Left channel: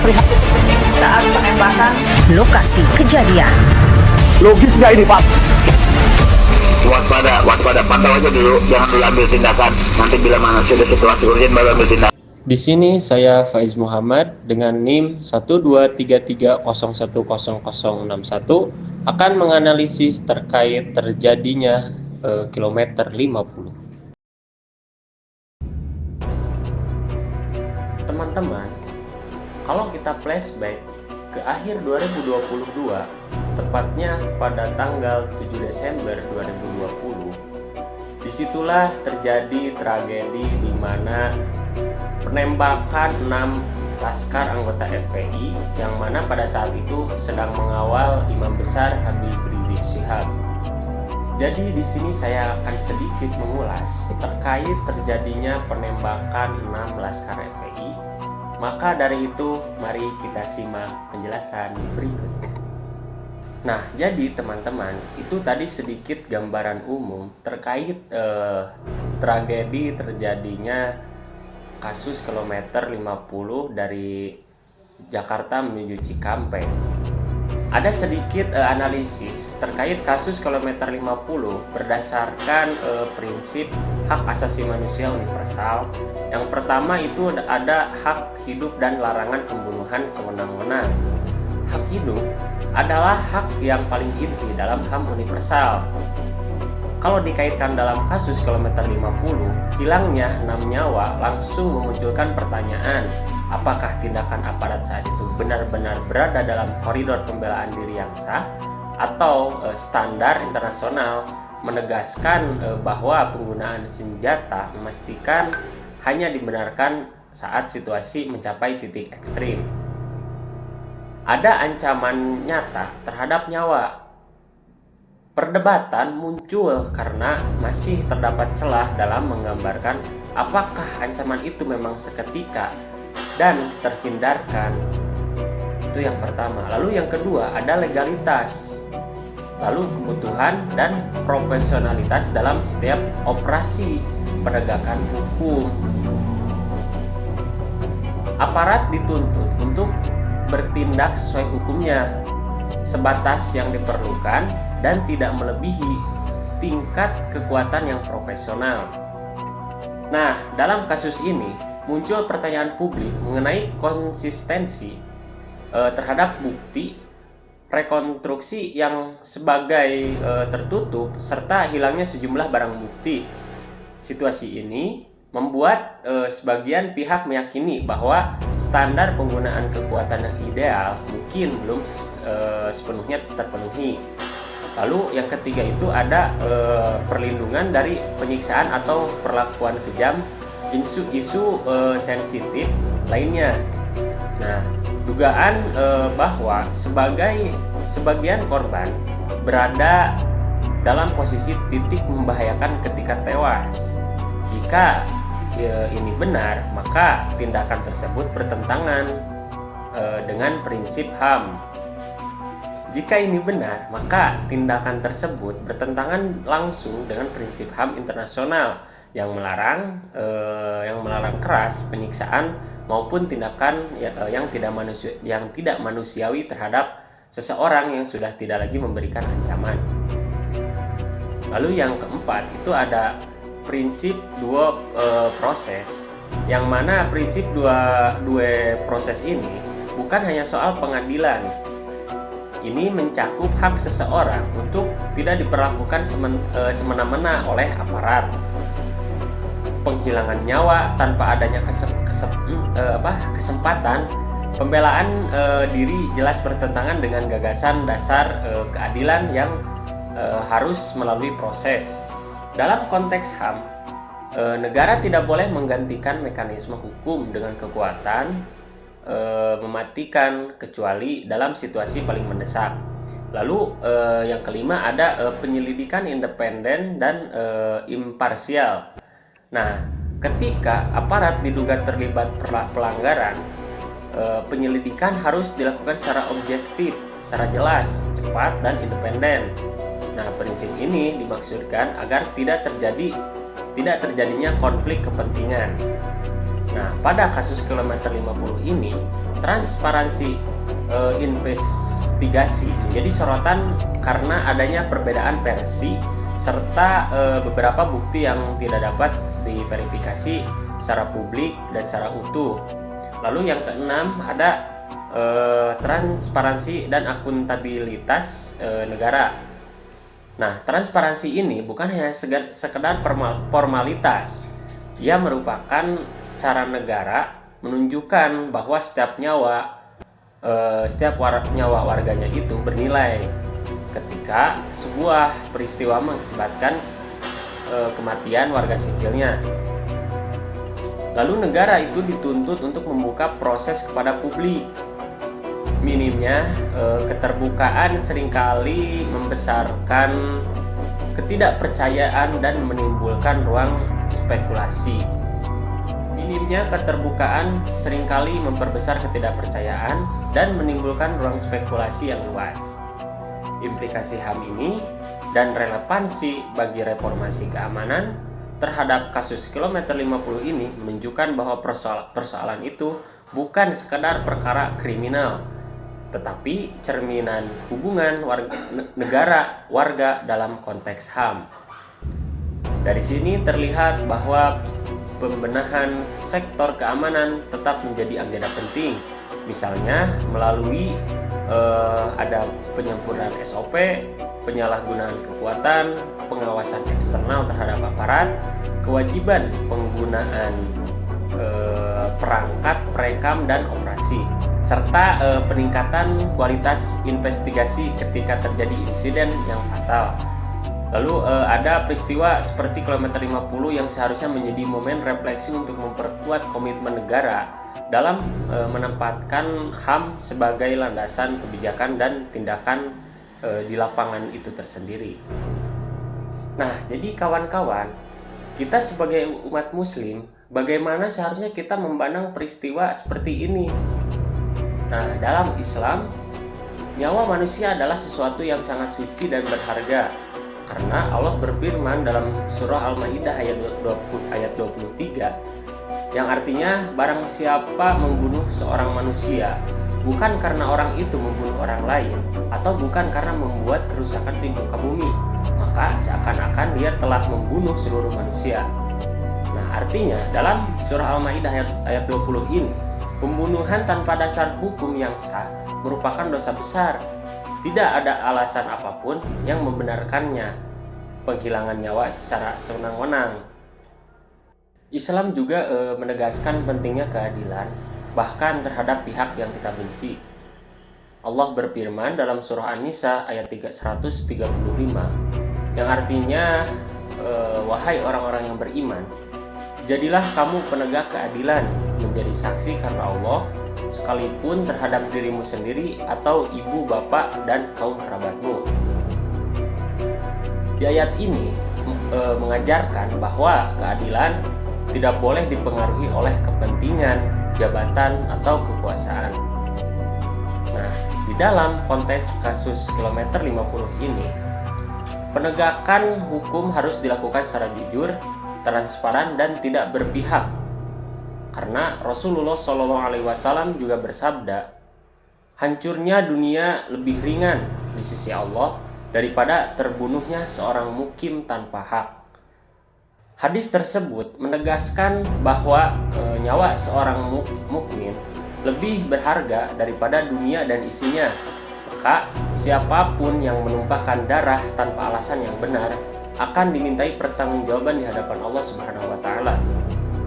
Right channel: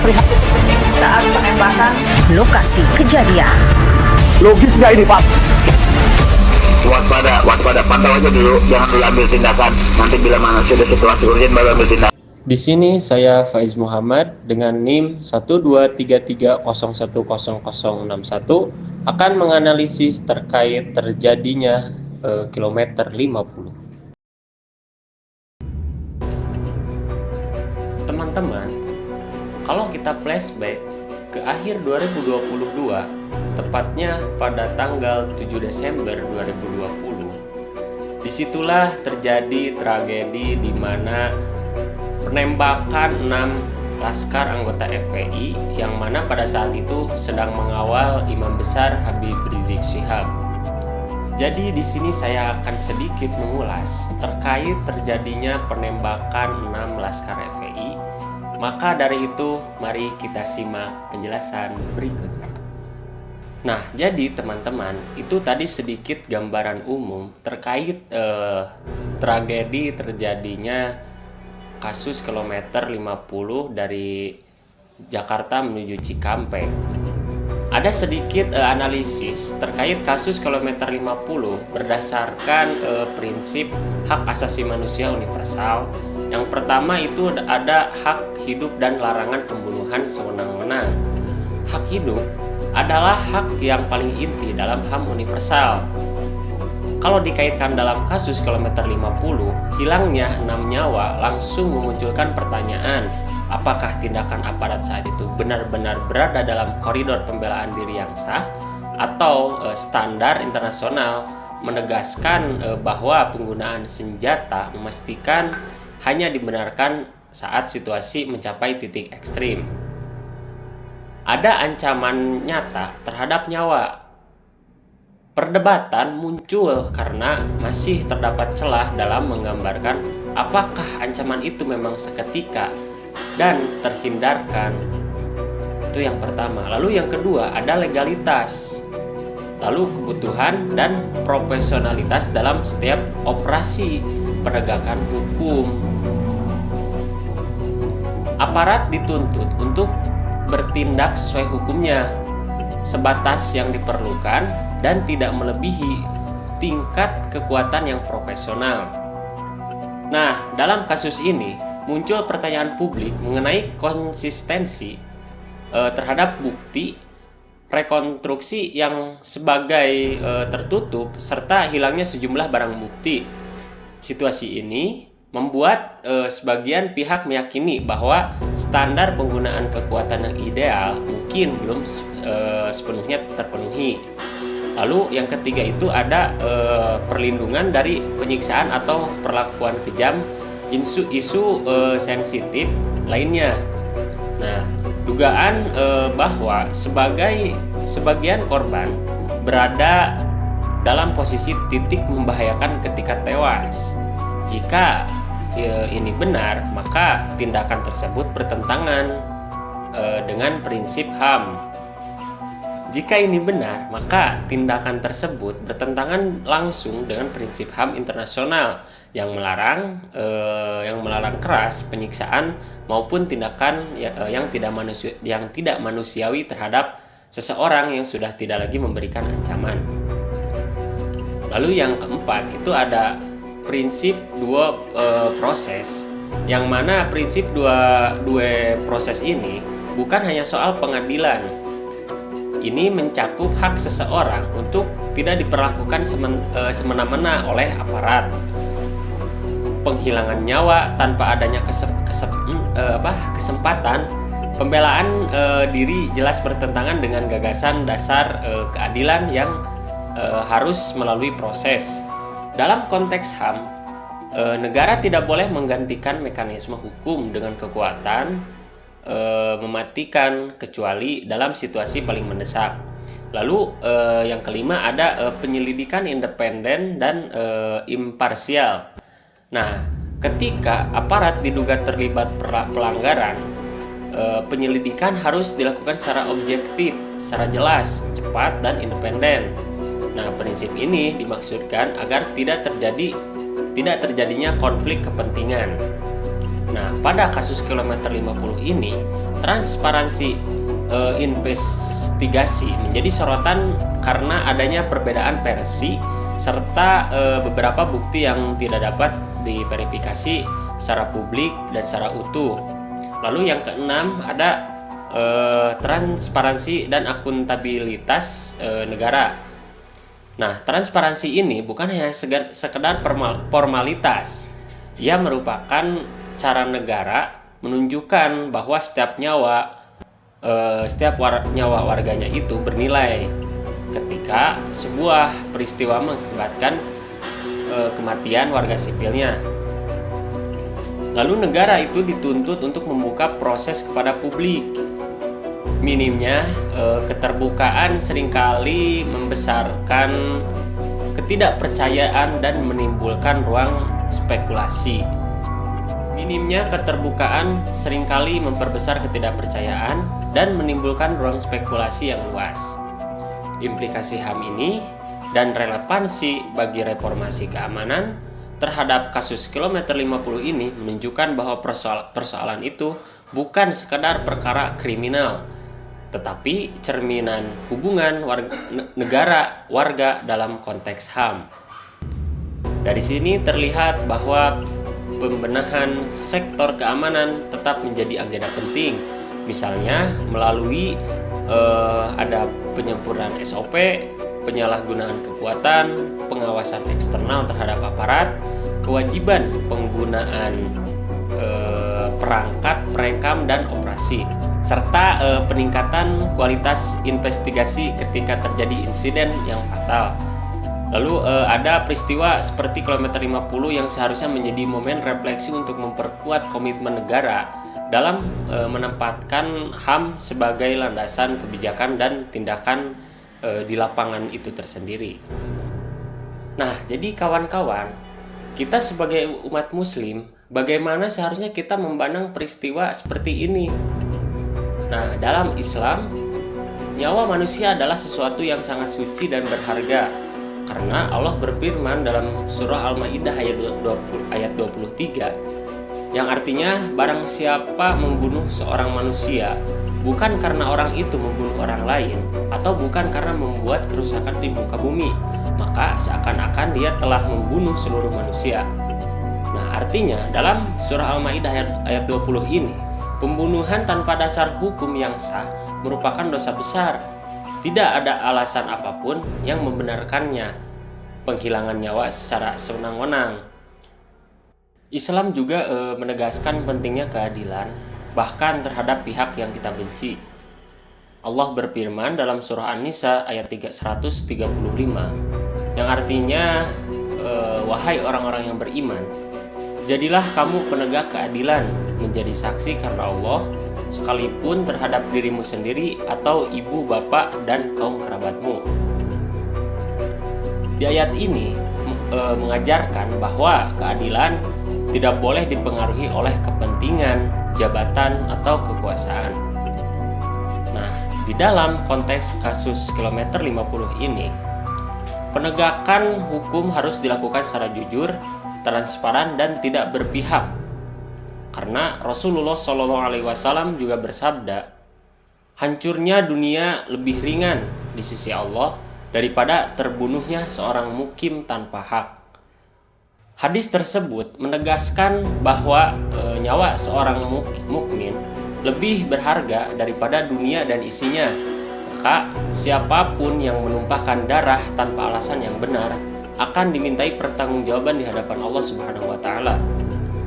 prihatin saat penembakan lokasi kejadian. Logis nggak ini Pak? Waspada, pantau aja dulu, jangan dulu ambil tindakan. Nanti bila mana sudah situasi urgent baru ambil tindakan. Di sini saya Faiz Muhammad dengan NIM 12330100061 akan menganalisis terkait terjadinya kilometer 50. Teman-teman, kalau kita flashback ke akhir 2022, tepatnya pada tanggal 7 Desember 2020, disitulah terjadi tragedi di mana penembakan 6 laskar anggota FPI yang mana pada saat itu sedang mengawal Imam Besar Habib Rizik Syihab. Jadi di sini saya akan sedikit mengulas terkait terjadinya penembakan 6 laskar FPI. Maka dari itu mari kita simak penjelasan berikutnya. Nah, jadi teman-teman, itu tadi sedikit gambaran umum terkait tragedi terjadinya kasus kilometer 50 dari Jakarta menuju Cikampek. Ada sedikit analisis terkait kasus kilometer 50 berdasarkan prinsip hak asasi manusia universal. Yang pertama itu ada hak hidup dan larangan pembunuhan sewenang-wenang. Hak hidup adalah hak yang paling inti dalam HAM universal. Kalau dikaitkan dalam kasus kilometer 50, hilangnya 6 nyawa langsung memunculkan pertanyaan, apakah tindakan aparat saat itu benar-benar berada dalam koridor pembelaan diri yang sah atau standar internasional menegaskan bahwa penggunaan senjata memastikan hanya dibenarkan saat situasi mencapai titik ekstrim. Ada ancaman nyata terhadap nyawa. Perdebatan muncul karena masih terdapat celah dalam menggambarkan apakah ancaman itu memang seketika dan terhindarkan. Itu yang pertama. Lalu yang kedua ada legalitas. Lalu kebutuhan dan profesionalitas dalam setiap operasi penegakan hukum. Aparat dituntut untuk bertindak sesuai hukumnya, sebatas yang diperlukan dan tidak melebihi tingkat kekuatan yang profesional. Nah, dalam kasus ini muncul pertanyaan publik mengenai konsistensi terhadap bukti rekonstruksi yang sebagai tertutup serta hilangnya sejumlah barang bukti. Situasi ini membuat sebagian pihak meyakini bahwa standar penggunaan kekuatan yang ideal mungkin belum sepenuhnya terpenuhi. Lalu yang ketiga itu ada perlindungan dari penyiksaan atau perlakuan kejam, isu sensitif lainnya. Nah, dugaan bahwa sebagian korban berada dalam posisi titik membahayakan ketika tewas. Jika ini benar, maka tindakan tersebut bertentangan dengan prinsip HAM. Jika ini benar, maka tindakan tersebut bertentangan langsung dengan prinsip HAM internasional yang melarang keras penyiksaan maupun tindakan yang tidak manusiawi terhadap seseorang yang sudah tidak lagi memberikan ancaman. Lalu yang keempat itu ada prinsip dua proses, yang mana prinsip dua proses ini bukan hanya soal pengadilan. Ini mencakup hak seseorang untuk tidak diperlakukan semena-mena oleh aparat. Penghilangan nyawa tanpa adanya kesempatan, pembelaan diri jelas bertentangan dengan gagasan dasar keadilan yang harus melalui proses. Dalam konteks HAM, negara tidak boleh menggantikan mekanisme hukum dengan kekuatan mematikan kecuali dalam situasi paling mendesak. Lalu yang kelima ada penyelidikan independen dan imparsial. Nah, ketika aparat diduga terlibat pelanggaran, penyelidikan harus dilakukan secara objektif, secara jelas, cepat, dan independen. Nah, prinsip ini dimaksudkan agar tidak terjadinya konflik kepentingan. Nah, pada kasus kilometer 50 ini, transparansi investigasi menjadi sorotan karena adanya perbedaan versi serta beberapa bukti yang tidak dapat diverifikasi secara publik dan secara utuh. Lalu yang keenam ada transparansi dan akuntabilitas negara. Nah, transparansi ini bukan hanya sekedar formalitas. Ia merupakan cara negara menunjukkan bahwa setiap nyawa warganya itu bernilai ketika sebuah peristiwa mengakibatkan kematian warga sipilnya. Lalu negara itu dituntut untuk membuka proses kepada publik. Minimnya keterbukaan seringkali membesarkan ketidakpercayaan dan menimbulkan ruang spekulasi. Minimnya keterbukaan seringkali memperbesar ketidakpercayaan dan menimbulkan ruang spekulasi yang luas. Implikasi HAM ini dan relevansi bagi reformasi keamanan terhadap kasus kilometer 50 ini menunjukkan bahwa persoalan itu bukan sekadar perkara kriminal, tetapi cerminan hubungan negara-warga dalam konteks HAM. Dari sini terlihat bahwa pembenahan sektor keamanan tetap menjadi agenda penting, misalnya melalui ada penyempurnaan SOP, penyalahgunaan kekuatan, pengawasan eksternal terhadap aparat, kewajiban penggunaan perangkat, perekam, dan operasi, serta peningkatan kualitas investigasi ketika terjadi insiden yang fatal. Lalu ada peristiwa seperti kilometer 50 yang seharusnya menjadi momen refleksi untuk memperkuat komitmen negara dalam menempatkan HAM sebagai landasan kebijakan dan tindakan di lapangan itu tersendiri. Nah, jadi kawan-kawan, kita sebagai umat muslim, bagaimana seharusnya kita memandang peristiwa seperti ini? Nah, dalam Islam, nyawa manusia adalah sesuatu yang sangat suci dan berharga. Karena Allah berfirman dalam surah Al-Maidah ayat 23, yang artinya barang siapa membunuh seorang manusia bukan karena orang itu membunuh orang lain atau bukan karena membuat kerusakan di muka bumi, maka seakan-akan dia telah membunuh seluruh manusia. Nah, artinya dalam surah Al-Maidah ayat 20 ini, pembunuhan tanpa dasar hukum yang sah merupakan dosa besar. Tidak ada alasan apapun yang membenarkannya penghilangan nyawa secara sewenang-wenang. Islam juga menegaskan pentingnya keadilan, bahkan terhadap pihak yang kita benci. Allah berfirman dalam surah An-Nisa ayat 135, yang artinya, wahai orang-orang yang beriman, jadilah kamu penegak keadilan, menjadi saksi karena Allah, sekalipun terhadap dirimu sendiri atau ibu, bapak, dan kaum kerabatmu. Di ayat ini mengajarkan bahwa keadilan tidak boleh dipengaruhi oleh kepentingan, jabatan, atau kekuasaan. Nah, di dalam konteks kasus kilometer 50 ini, penegakan hukum harus dilakukan secara jujur, transparan, dan tidak berpihak. Karena Rasulullah SAW juga bersabda, hancurnya dunia lebih ringan di sisi Allah daripada terbunuhnya seorang mukim tanpa hak. Hadis tersebut menegaskan bahwa nyawa seorang mukmin lebih berharga daripada dunia dan isinya. Maka siapapun yang menumpahkan darah tanpa alasan yang benar akan dimintai pertanggungjawaban di hadapan Allah Subhanahu wa taala.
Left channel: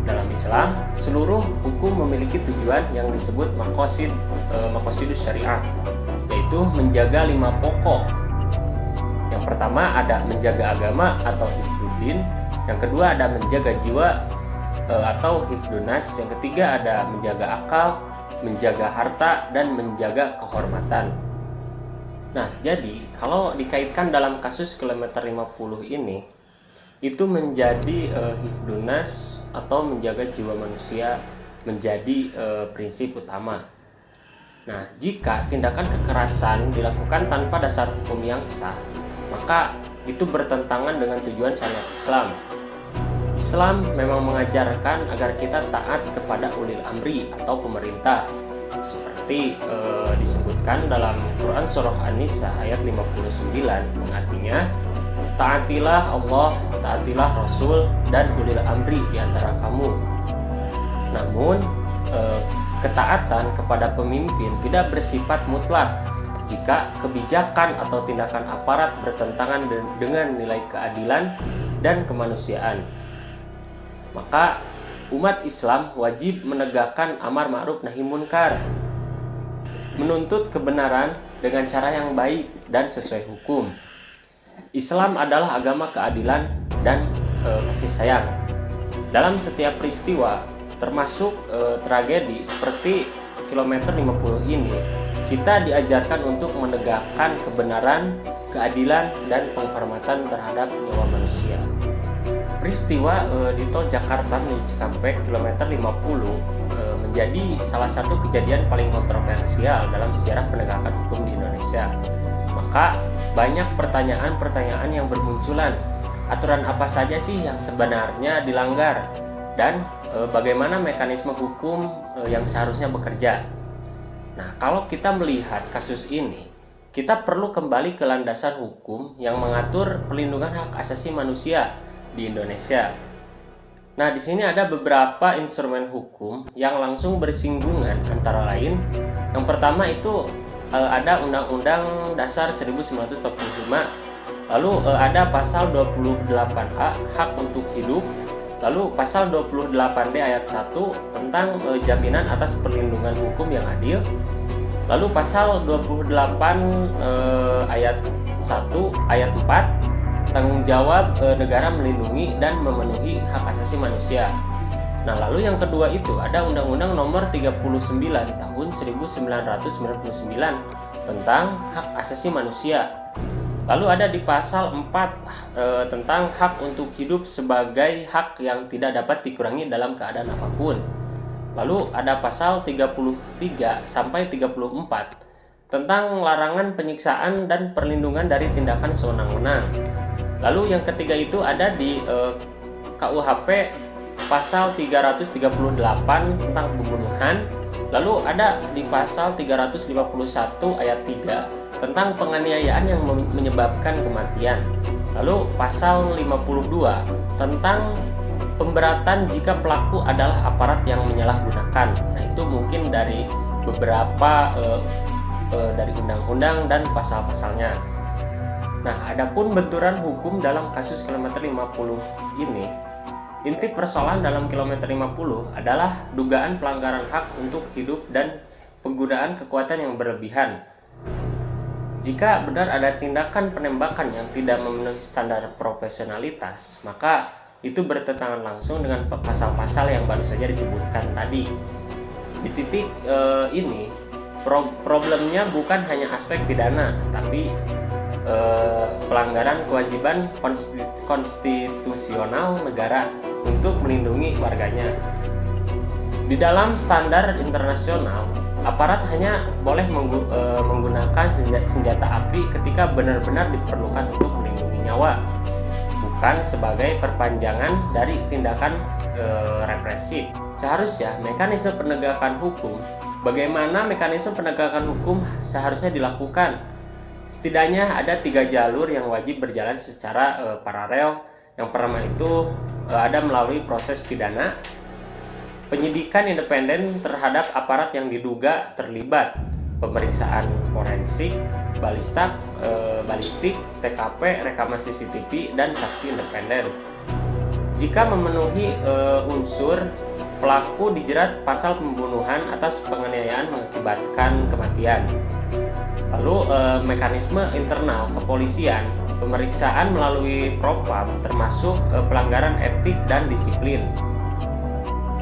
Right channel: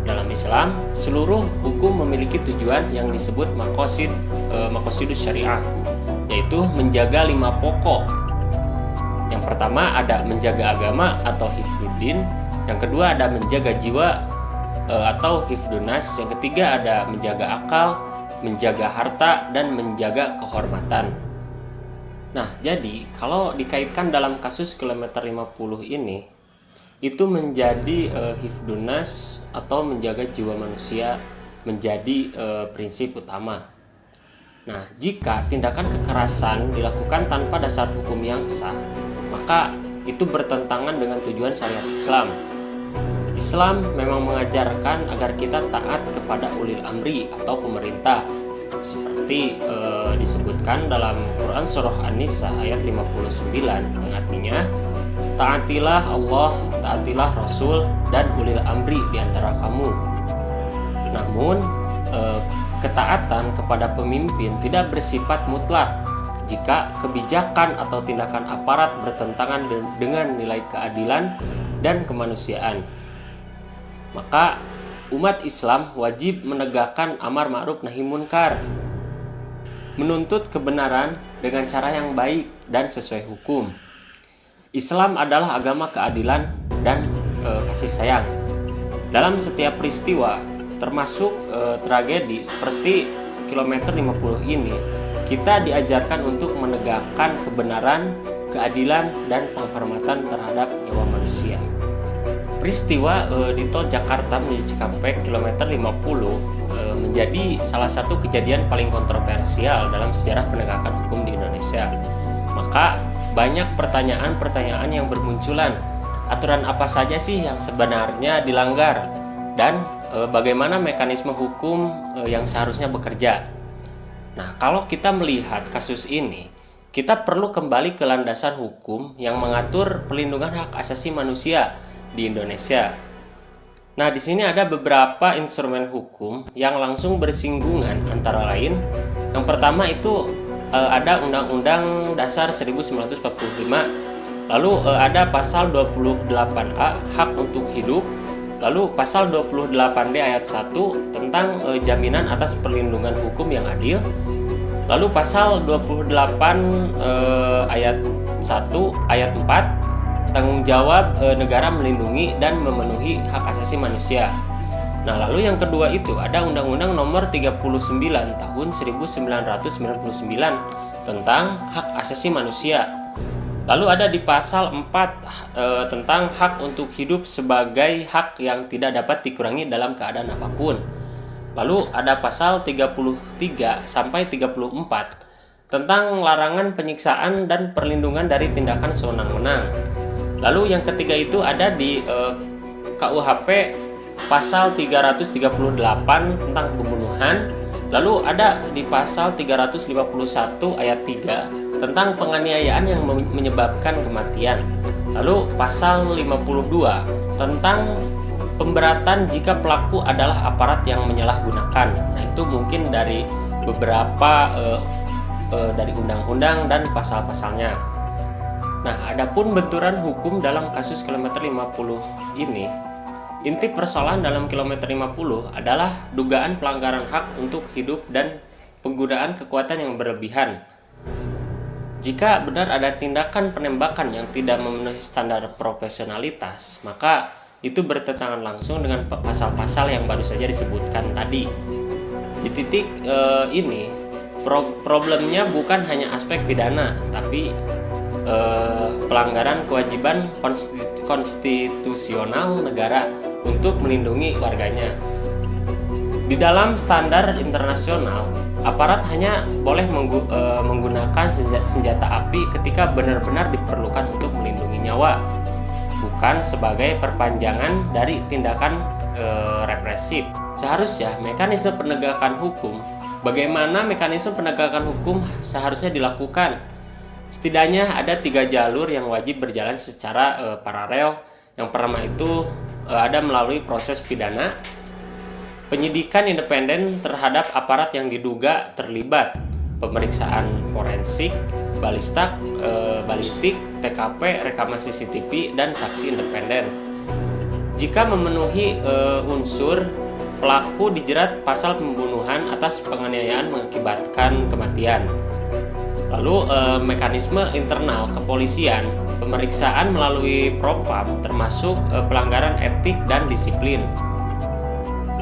Dalam Islam, seluruh hukum memiliki tujuan yang disebut maqasidus syariah, yaitu menjaga 5 pokok. Yang pertama ada menjaga agama atau hifdzuddin, yang kedua ada menjaga jiwa atau hifdzunas, yang ketiga ada menjaga akal, menjaga harta, dan menjaga kehormatan. Nah, jadi kalau dikaitkan dalam kasus kilometer 50 ini, itu menjadi hifdzunas atau menjaga jiwa manusia menjadi prinsip utama. Nah, jika tindakan kekerasan dilakukan tanpa dasar hukum yang sah, maka itu bertentangan dengan tujuan syariat Islam. Islam memang mengajarkan agar kita taat kepada ulil amri atau pemerintah, seperti disebutkan dalam Quran surah An-Nisa ayat 59 yang artinya taatilah Allah, taatilah Rasul dan ulil amri di antara kamu. Namun ketaatan kepada pemimpin tidak bersifat mutlak jika kebijakan atau tindakan aparat bertentangan dengan nilai keadilan dan kemanusiaan. Maka umat Islam wajib menegakkan amar ma'ruf nahi munkar, menuntut kebenaran dengan cara yang baik dan sesuai hukum. Islam adalah agama keadilan dan kasih sayang. Dalam setiap peristiwa, termasuk tragedi seperti kilometer 50 ini, kita diajarkan untuk menegakkan kebenaran, keadilan, dan penghormatan terhadap nyawa manusia. Peristiwa di tol Jakarta menuju Cikampek kilometer 50 menjadi salah satu kejadian paling kontroversial dalam sejarah penegakan hukum di Indonesia. Maka banyak pertanyaan-pertanyaan yang bermunculan. Aturan apa saja sih yang sebenarnya dilanggar dan bagaimana mekanisme hukum yang seharusnya bekerja. Nah, kalau kita melihat kasus ini, kita perlu kembali ke landasan hukum yang mengatur perlindungan hak asasi manusia di Indonesia. Nah, di sini ada beberapa instrumen hukum yang langsung bersinggungan, antara lain yang pertama itu ada Undang-Undang Dasar 1945, lalu ada pasal 28A hak untuk hidup, lalu pasal 28D ayat 1 tentang jaminan atas perlindungan hukum yang adil, lalu pasal 28 ayat 1 ayat 4 tanggung jawab negara melindungi dan memenuhi hak asasi manusia. Nah, lalu yang kedua itu ada Undang-Undang Nomor 39 Tahun 1999 tentang hak asasi manusia. Lalu ada di pasal 4 tentang hak untuk hidup sebagai hak yang tidak dapat dikurangi dalam keadaan apapun. Lalu ada pasal 33 sampai 34 tentang larangan penyiksaan dan perlindungan dari tindakan sewenang-wenang. Lalu yang ketiga itu ada di KUHP pasal 338 tentang pembunuhan. Lalu ada di pasal 351 ayat 3 tentang penganiayaan yang menyebabkan kematian. Lalu pasal 52 tentang pemberatan jika pelaku adalah aparat yang menyalahgunakan. Nah, itu mungkin dari beberapa dari undang-undang dan pasal-pasalnya. Nah, adapun benturan hukum dalam kasus kilometer 50 ini, inti persoalan dalam kilometer 50 adalah dugaan pelanggaran hak untuk hidup dan penggunaan kekuatan yang berlebihan. Jika benar ada tindakan penembakan yang tidak memenuhi standar profesionalitas, maka itu bertentangan langsung dengan pasal-pasal yang baru saja disebutkan tadi. Di titik ini, problemnya bukan hanya aspek pidana, tapi pelanggaran kewajiban konstitusional negara untuk melindungi warganya. Di dalam standar internasional, aparat hanya boleh menggunakan senjata api ketika benar-benar diperlukan untuk melindungi nyawa, bukan sebagai perpanjangan dari tindakan represif. Seharusnya mekanisme penegakan hukum, bagaimana mekanisme penegakan hukum seharusnya dilakukan? Setidaknya ada 3 jalur yang wajib berjalan secara paralel. Yang pertama itu ada melalui proses pidana, penyidikan independen terhadap aparat yang diduga terlibat, pemeriksaan forensik, balistik, TKP, rekaman CCTV, dan saksi independen. Jika memenuhi unsur, pelaku dijerat pasal pembunuhan atas penganiayaan mengakibatkan kematian. Lalu mekanisme internal kepolisian, pemeriksaan melalui propam termasuk pelanggaran etik dan disiplin.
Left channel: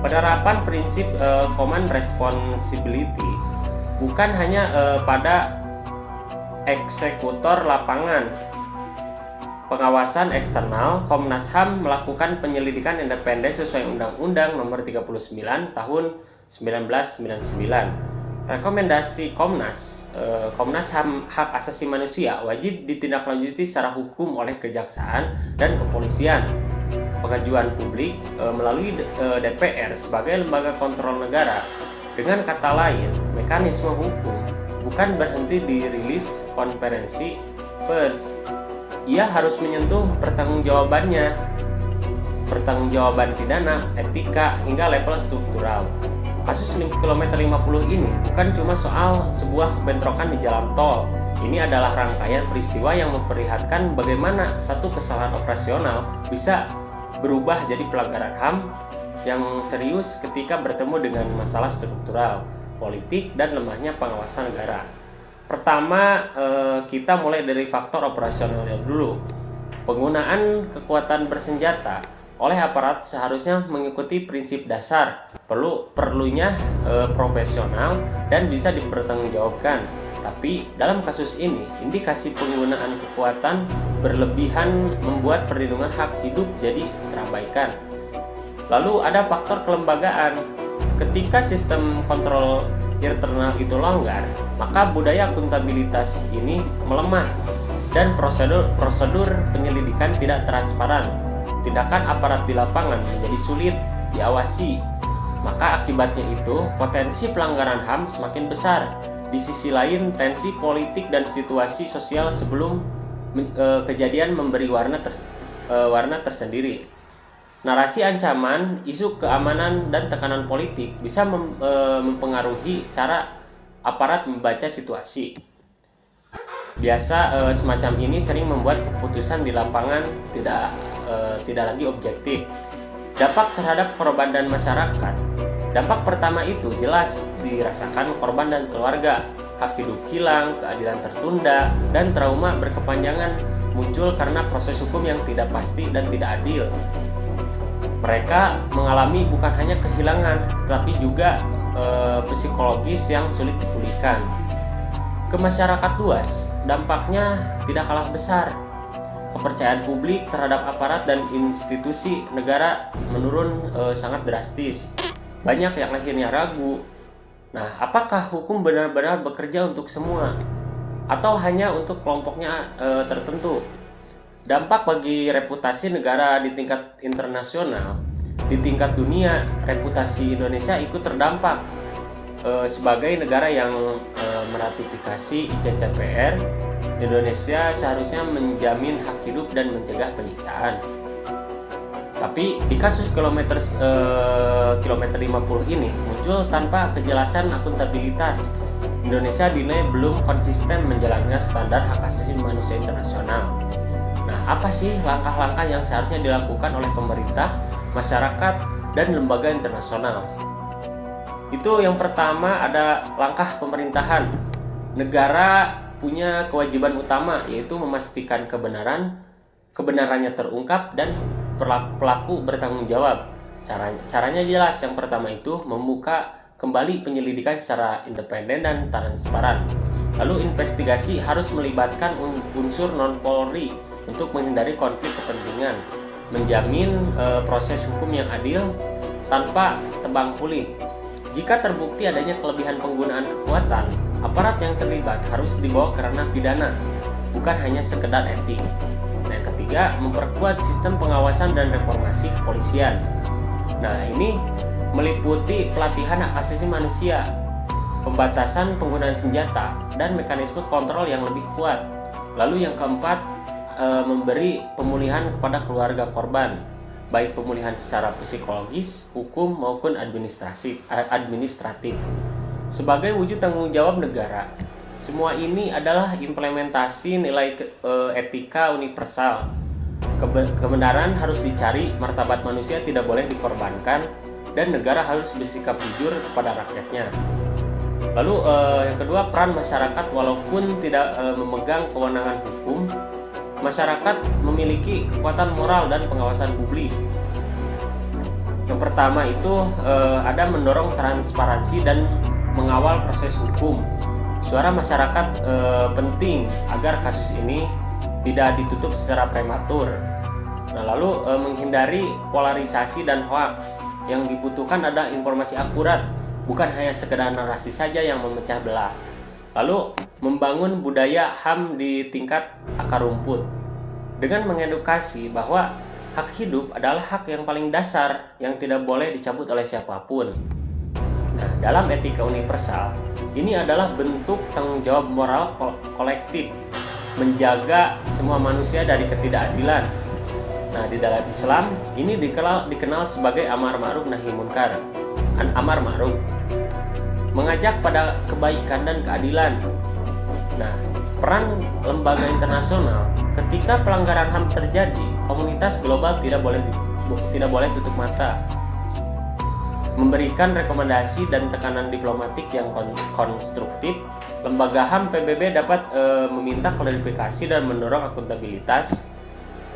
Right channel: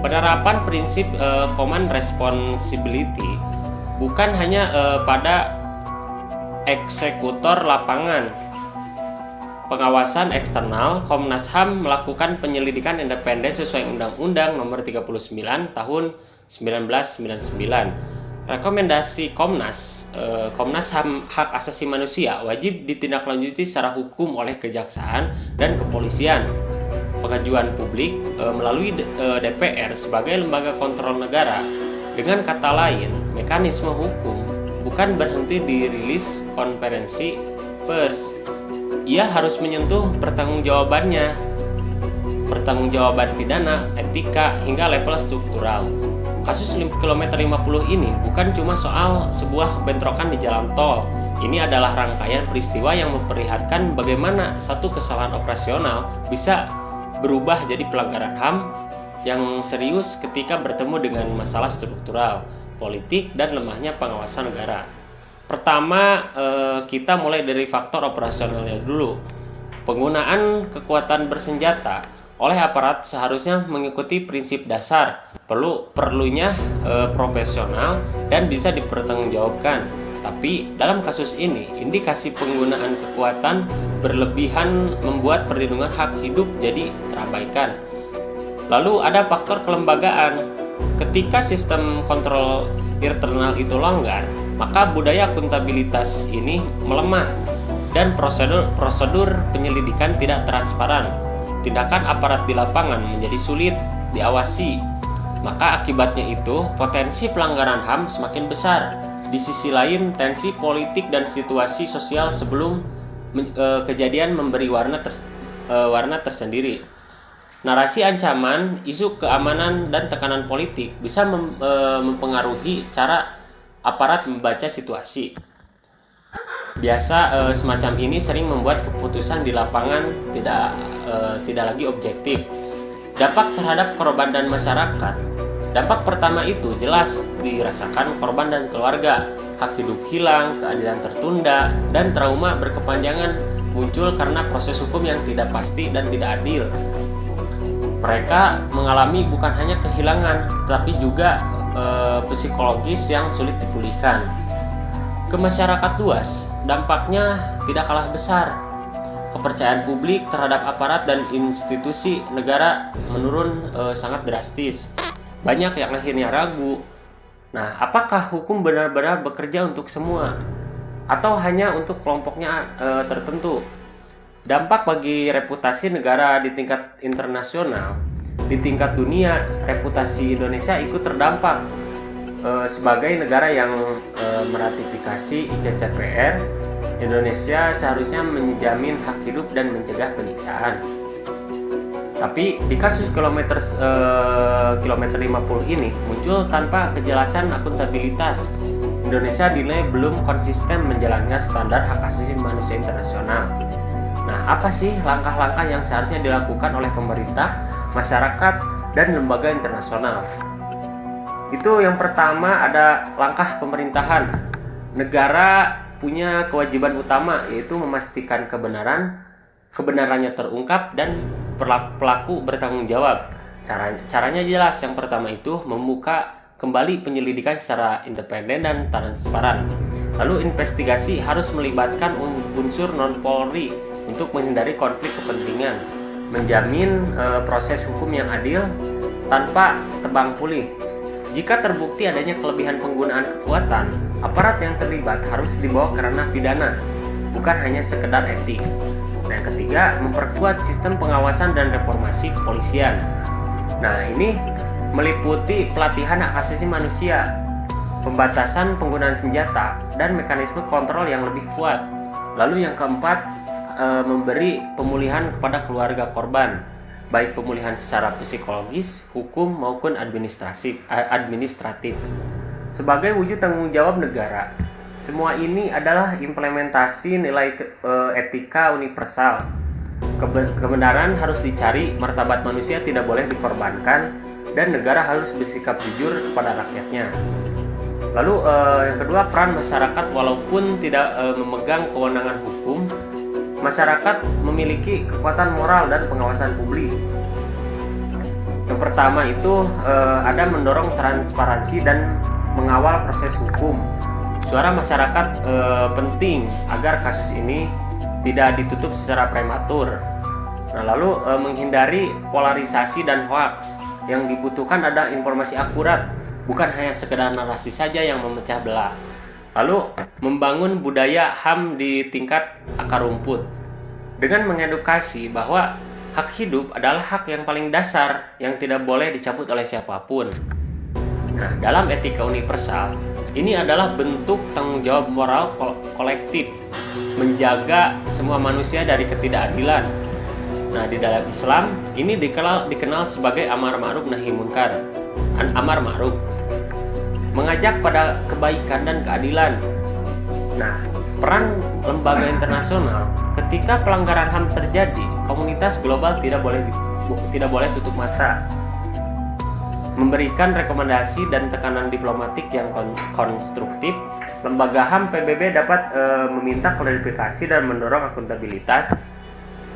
Penerapan prinsip command responsibility bukan hanya pada eksekutor lapangan. Pengawasan eksternal, Komnas HAM melakukan penyelidikan independen sesuai Undang-Undang Nomor 39 Tahun 1999. Rekomendasi Komnas HAM Hak Asasi Manusia wajib ditindaklanjuti secara hukum oleh kejaksaan dan kepolisian. Pengajuan publik melalui DPR sebagai lembaga kontrol negara Dengan kata lain, mekanisme hukum bukan berhenti di rilis konferensi pers. Ia harus menyentuh pertanggungjawaban pidana, etika, hingga level struktural. Kasus kilometer 50 ini bukan cuma soal sebuah bentrokan di jalan tol. Ini adalah rangkaian peristiwa yang memperlihatkan bagaimana satu kesalahan operasional bisa berubah jadi pelanggaran HAM yang serius ketika bertemu dengan masalah struktural, politik, dan lemahnya pengawasan negara. Pertama, kita mulai dari faktor operasionalnya dulu. Penggunaan kekuatan bersenjata oleh aparat seharusnya mengikuti prinsip dasar perlunya profesional dan bisa dipertanggungjawabkan. Tapi dalam kasus ini, indikasi penggunaan kekuatan berlebihan membuat perlindungan hak hidup jadi terabaikan. Lalu ada faktor kelembagaan. Ketika sistem kontrol internal itu longgar, maka budaya akuntabilitas ini melemah dan prosedur penyelidikan tidak transparan. Tindakan aparat di lapangan menjadi sulit diawasi. Maka akibatnya itu potensi pelanggaran HAM semakin besar. Di sisi lain, tensi politik dan situasi sosial sebelum kejadian memberi warna tersendiri. Narasi ancaman, isu keamanan, dan tekanan politik bisa mempengaruhi cara aparat membaca situasi. Biasa semacam ini sering membuat keputusan di lapangan tidak lagi objektif. Dampak terhadap korban dan masyarakat. Dampak pertama itu jelas dirasakan korban dan keluarga. Hak hidup hilang, keadilan tertunda, dan trauma berkepanjangan muncul karena proses hukum yang tidak pasti dan tidak adil. Mereka mengalami bukan hanya kehilangan, tetapi juga psikologis yang sulit dipulihkan. Ke masyarakat luas, dampaknya tidak kalah besar. Kepercayaan publik terhadap aparat dan institusi negara menurun sangat drastis. Banyak yang akhirnya ragu. Nah, apakah hukum benar-benar bekerja untuk semua, atau hanya untuk kelompoknya tertentu? Dampak bagi reputasi negara di tingkat internasional, di tingkat dunia, reputasi Indonesia ikut terdampak. Sebagai negara yang meratifikasi ICCPR, Indonesia seharusnya menjamin hak hidup dan mencegah penyiksaan. Tapi di kasus kilometer 50 ini muncul tanpa kejelasan akuntabilitas. Indonesia dinilai belum konsisten menjalankan standar hak asasi manusia internasional. Nah, apa sih langkah-langkah yang seharusnya dilakukan oleh pemerintah, masyarakat, dan lembaga internasional? Itu yang pertama ada langkah pemerintahan. Negara punya kewajiban utama, yaitu memastikan kebenarannya terungkap dan pelaku bertanggung jawab. Caranya jelas. Yang pertama itu membuka kembali penyelidikan secara independen dan transparan. Lalu investigasi harus melibatkan unsur non-Polri untuk menghindari konflik kepentingan, menjamin proses hukum yang adil tanpa tebang pilih. Jika terbukti adanya kelebihan penggunaan kekuatan, aparat yang terlibat harus dibawa ke ranah pidana, bukan hanya sekedar etik. Nah, yang ketiga, memperkuat sistem pengawasan dan reformasi kepolisian. Nah, ini meliputi pelatihan hak asasi manusia, pembatasan penggunaan senjata, dan mekanisme kontrol yang lebih kuat. Lalu yang keempat, memberi pemulihan kepada keluarga korban, baik pemulihan secara psikologis, hukum, maupun administratif. Sebagai wujud tanggung jawab negara, semua ini adalah implementasi nilai etika universal. Kebenaran harus dicari, martabat manusia tidak boleh dikorbankan, dan negara harus bersikap jujur kepada rakyatnya. Lalu yang kedua, peran masyarakat. Walaupun tidak memegang kewenangan hukum, masyarakat memiliki kekuatan moral dan pengawasan publik. Yang pertama itu ada mendorong transparansi dan mengawal proses hukum. Suara masyarakat penting agar kasus ini tidak ditutup secara prematur. Nah, lalu menghindari polarisasi dan hoaks. Yang dibutuhkan ada informasi akurat, bukan hanya sekedar narasi saja yang memecah belah. Lalu membangun budaya HAM di tingkat akar rumput dengan mengedukasi bahwa hak hidup adalah hak yang paling dasar yang tidak boleh dicabut oleh siapapun. Nah, dalam etika universal, ini adalah bentuk tanggung jawab moral kolektif menjaga semua manusia dari ketidakadilan. Nah, di dalam Islam ini dikenal sebagai amar ma'ruf nahi munkar. Amar ma'ruf mengajak pada kebaikan dan keadilan. Nah, peran lembaga internasional ketika pelanggaran HAM terjadi, komunitas global tidak boleh tutup mata. Memberikan rekomendasi dan tekanan diplomatik yang konstruktif, lembaga HAM PBB dapat meminta klarifikasi dan mendorong akuntabilitas,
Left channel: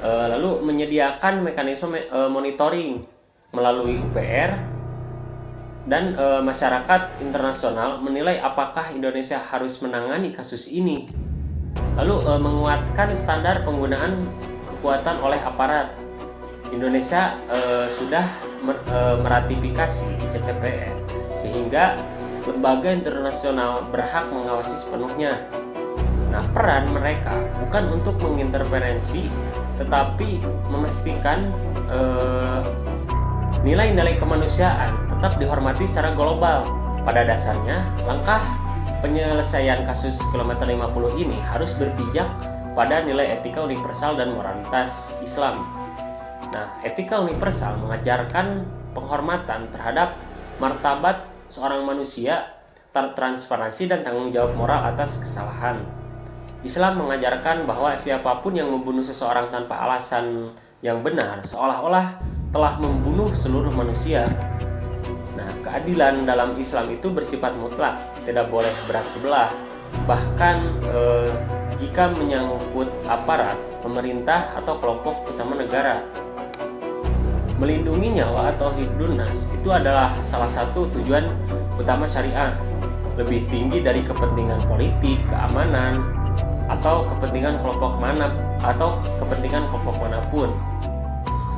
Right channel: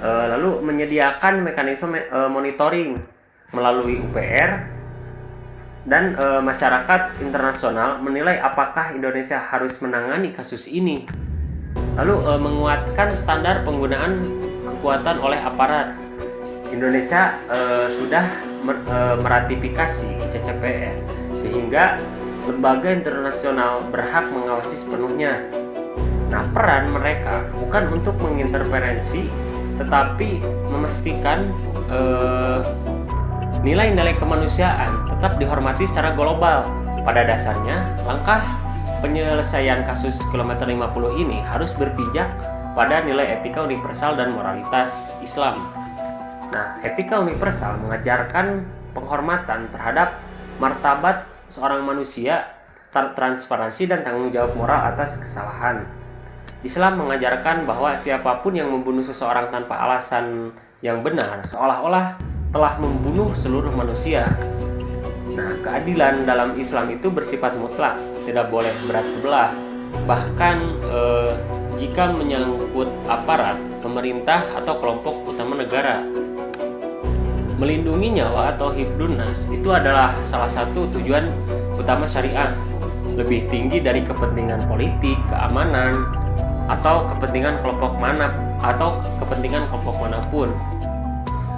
lalu menyediakan mekanisme monitoring melalui UPR, dan masyarakat internasional menilai apakah Indonesia harus menangani kasus ini, lalu menguatkan standar penggunaan kekuatan oleh aparat. Indonesia sudah meratifikasi ICCPR sehingga lembaga internasional berhak mengawasi sepenuhnya. Nah, peran mereka bukan untuk menginterferensi, tetapi memastikan nilai-nilai kemanusiaan tetap dihormati secara global. Pada dasarnya, langkah penyelesaian kasus kilometer 50 ini harus berpijak pada nilai etika universal dan moralitas Islam. Nah, etika universal mengajarkan penghormatan terhadap martabat seorang manusia, transparansi dan tanggung jawab moral atas kesalahan. Islam mengajarkan bahwa siapapun yang membunuh seseorang tanpa alasan yang benar seolah-olah telah membunuh seluruh manusia. Nah, keadilan dalam Islam itu bersifat mutlak, tidak boleh berat sebelah. Bahkan jika menyangkut aparat, pemerintah atau kelompok utama negara. Melindungi nyawa atau hifdun nas itu adalah salah satu tujuan utama syariah, lebih tinggi dari kepentingan politik, keamanan, atau kepentingan kelompok manapun.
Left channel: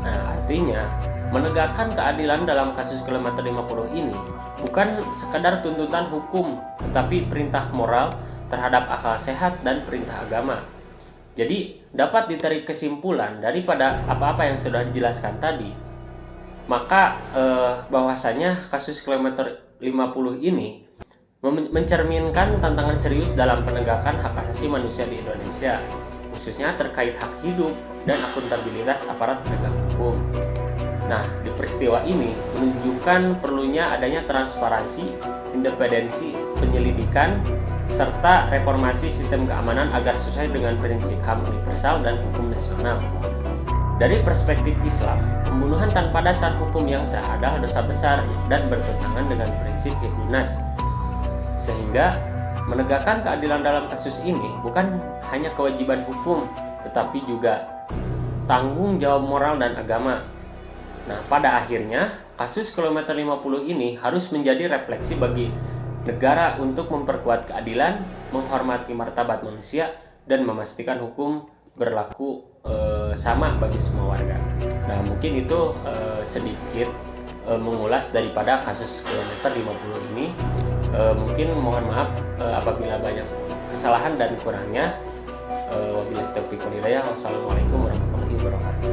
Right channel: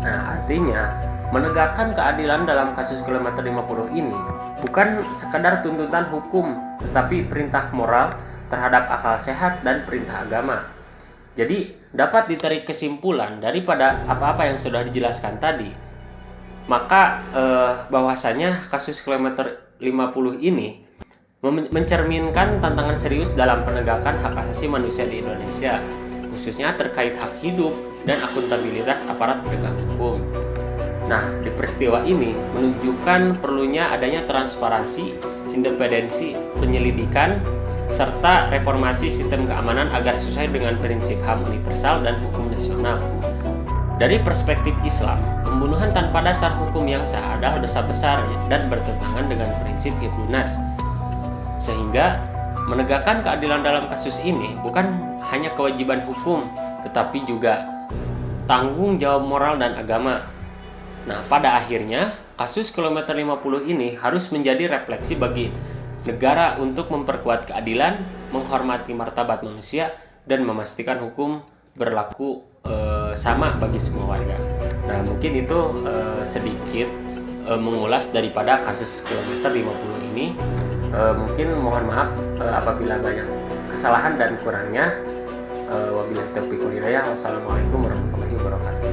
Nah, artinya menegakkan keadilan dalam kasus kilometer 50 ini bukan sekadar tuntutan hukum, tetapi perintah moral terhadap akal sehat dan perintah agama. Jadi dapat ditarik kesimpulan daripada apa-apa yang sudah dijelaskan tadi, maka bahwasanya kasus kilometer 50 ini mencerminkan tantangan serius dalam penegakan hak asasi manusia di Indonesia, khususnya terkait hak hidup dan akuntabilitas aparat penegak hukum. Nah, di peristiwa ini menunjukkan perlunya adanya transparansi, independensi penyelidikan, serta reformasi sistem keamanan agar sesuai dengan prinsip HAM universal dan hukum nasional. Dari perspektif Islam, pembunuhan tanpa dasar hukum yang sah adalah dosa besar dan bertentangan dengan prinsip hifdun nas. Sehingga menegakkan keadilan dalam kasus ini bukan hanya kewajiban hukum, tetapi juga tanggung jawab moral dan agama. Nah, pada akhirnya kasus kilometer 50 ini harus menjadi refleksi bagi negara untuk memperkuat keadilan, menghormati martabat manusia, dan memastikan hukum berlaku sama bagi semua warga. Nah, mungkin itu sedikit mengulas daripada kasus kilometer 50 ini. Mungkin mohon maaf apabila banyak kesalahan dan kurangnya. Wabillahi taufiq wal hidayah. Wassalamualaikum warahmatullahi wabarakatuh.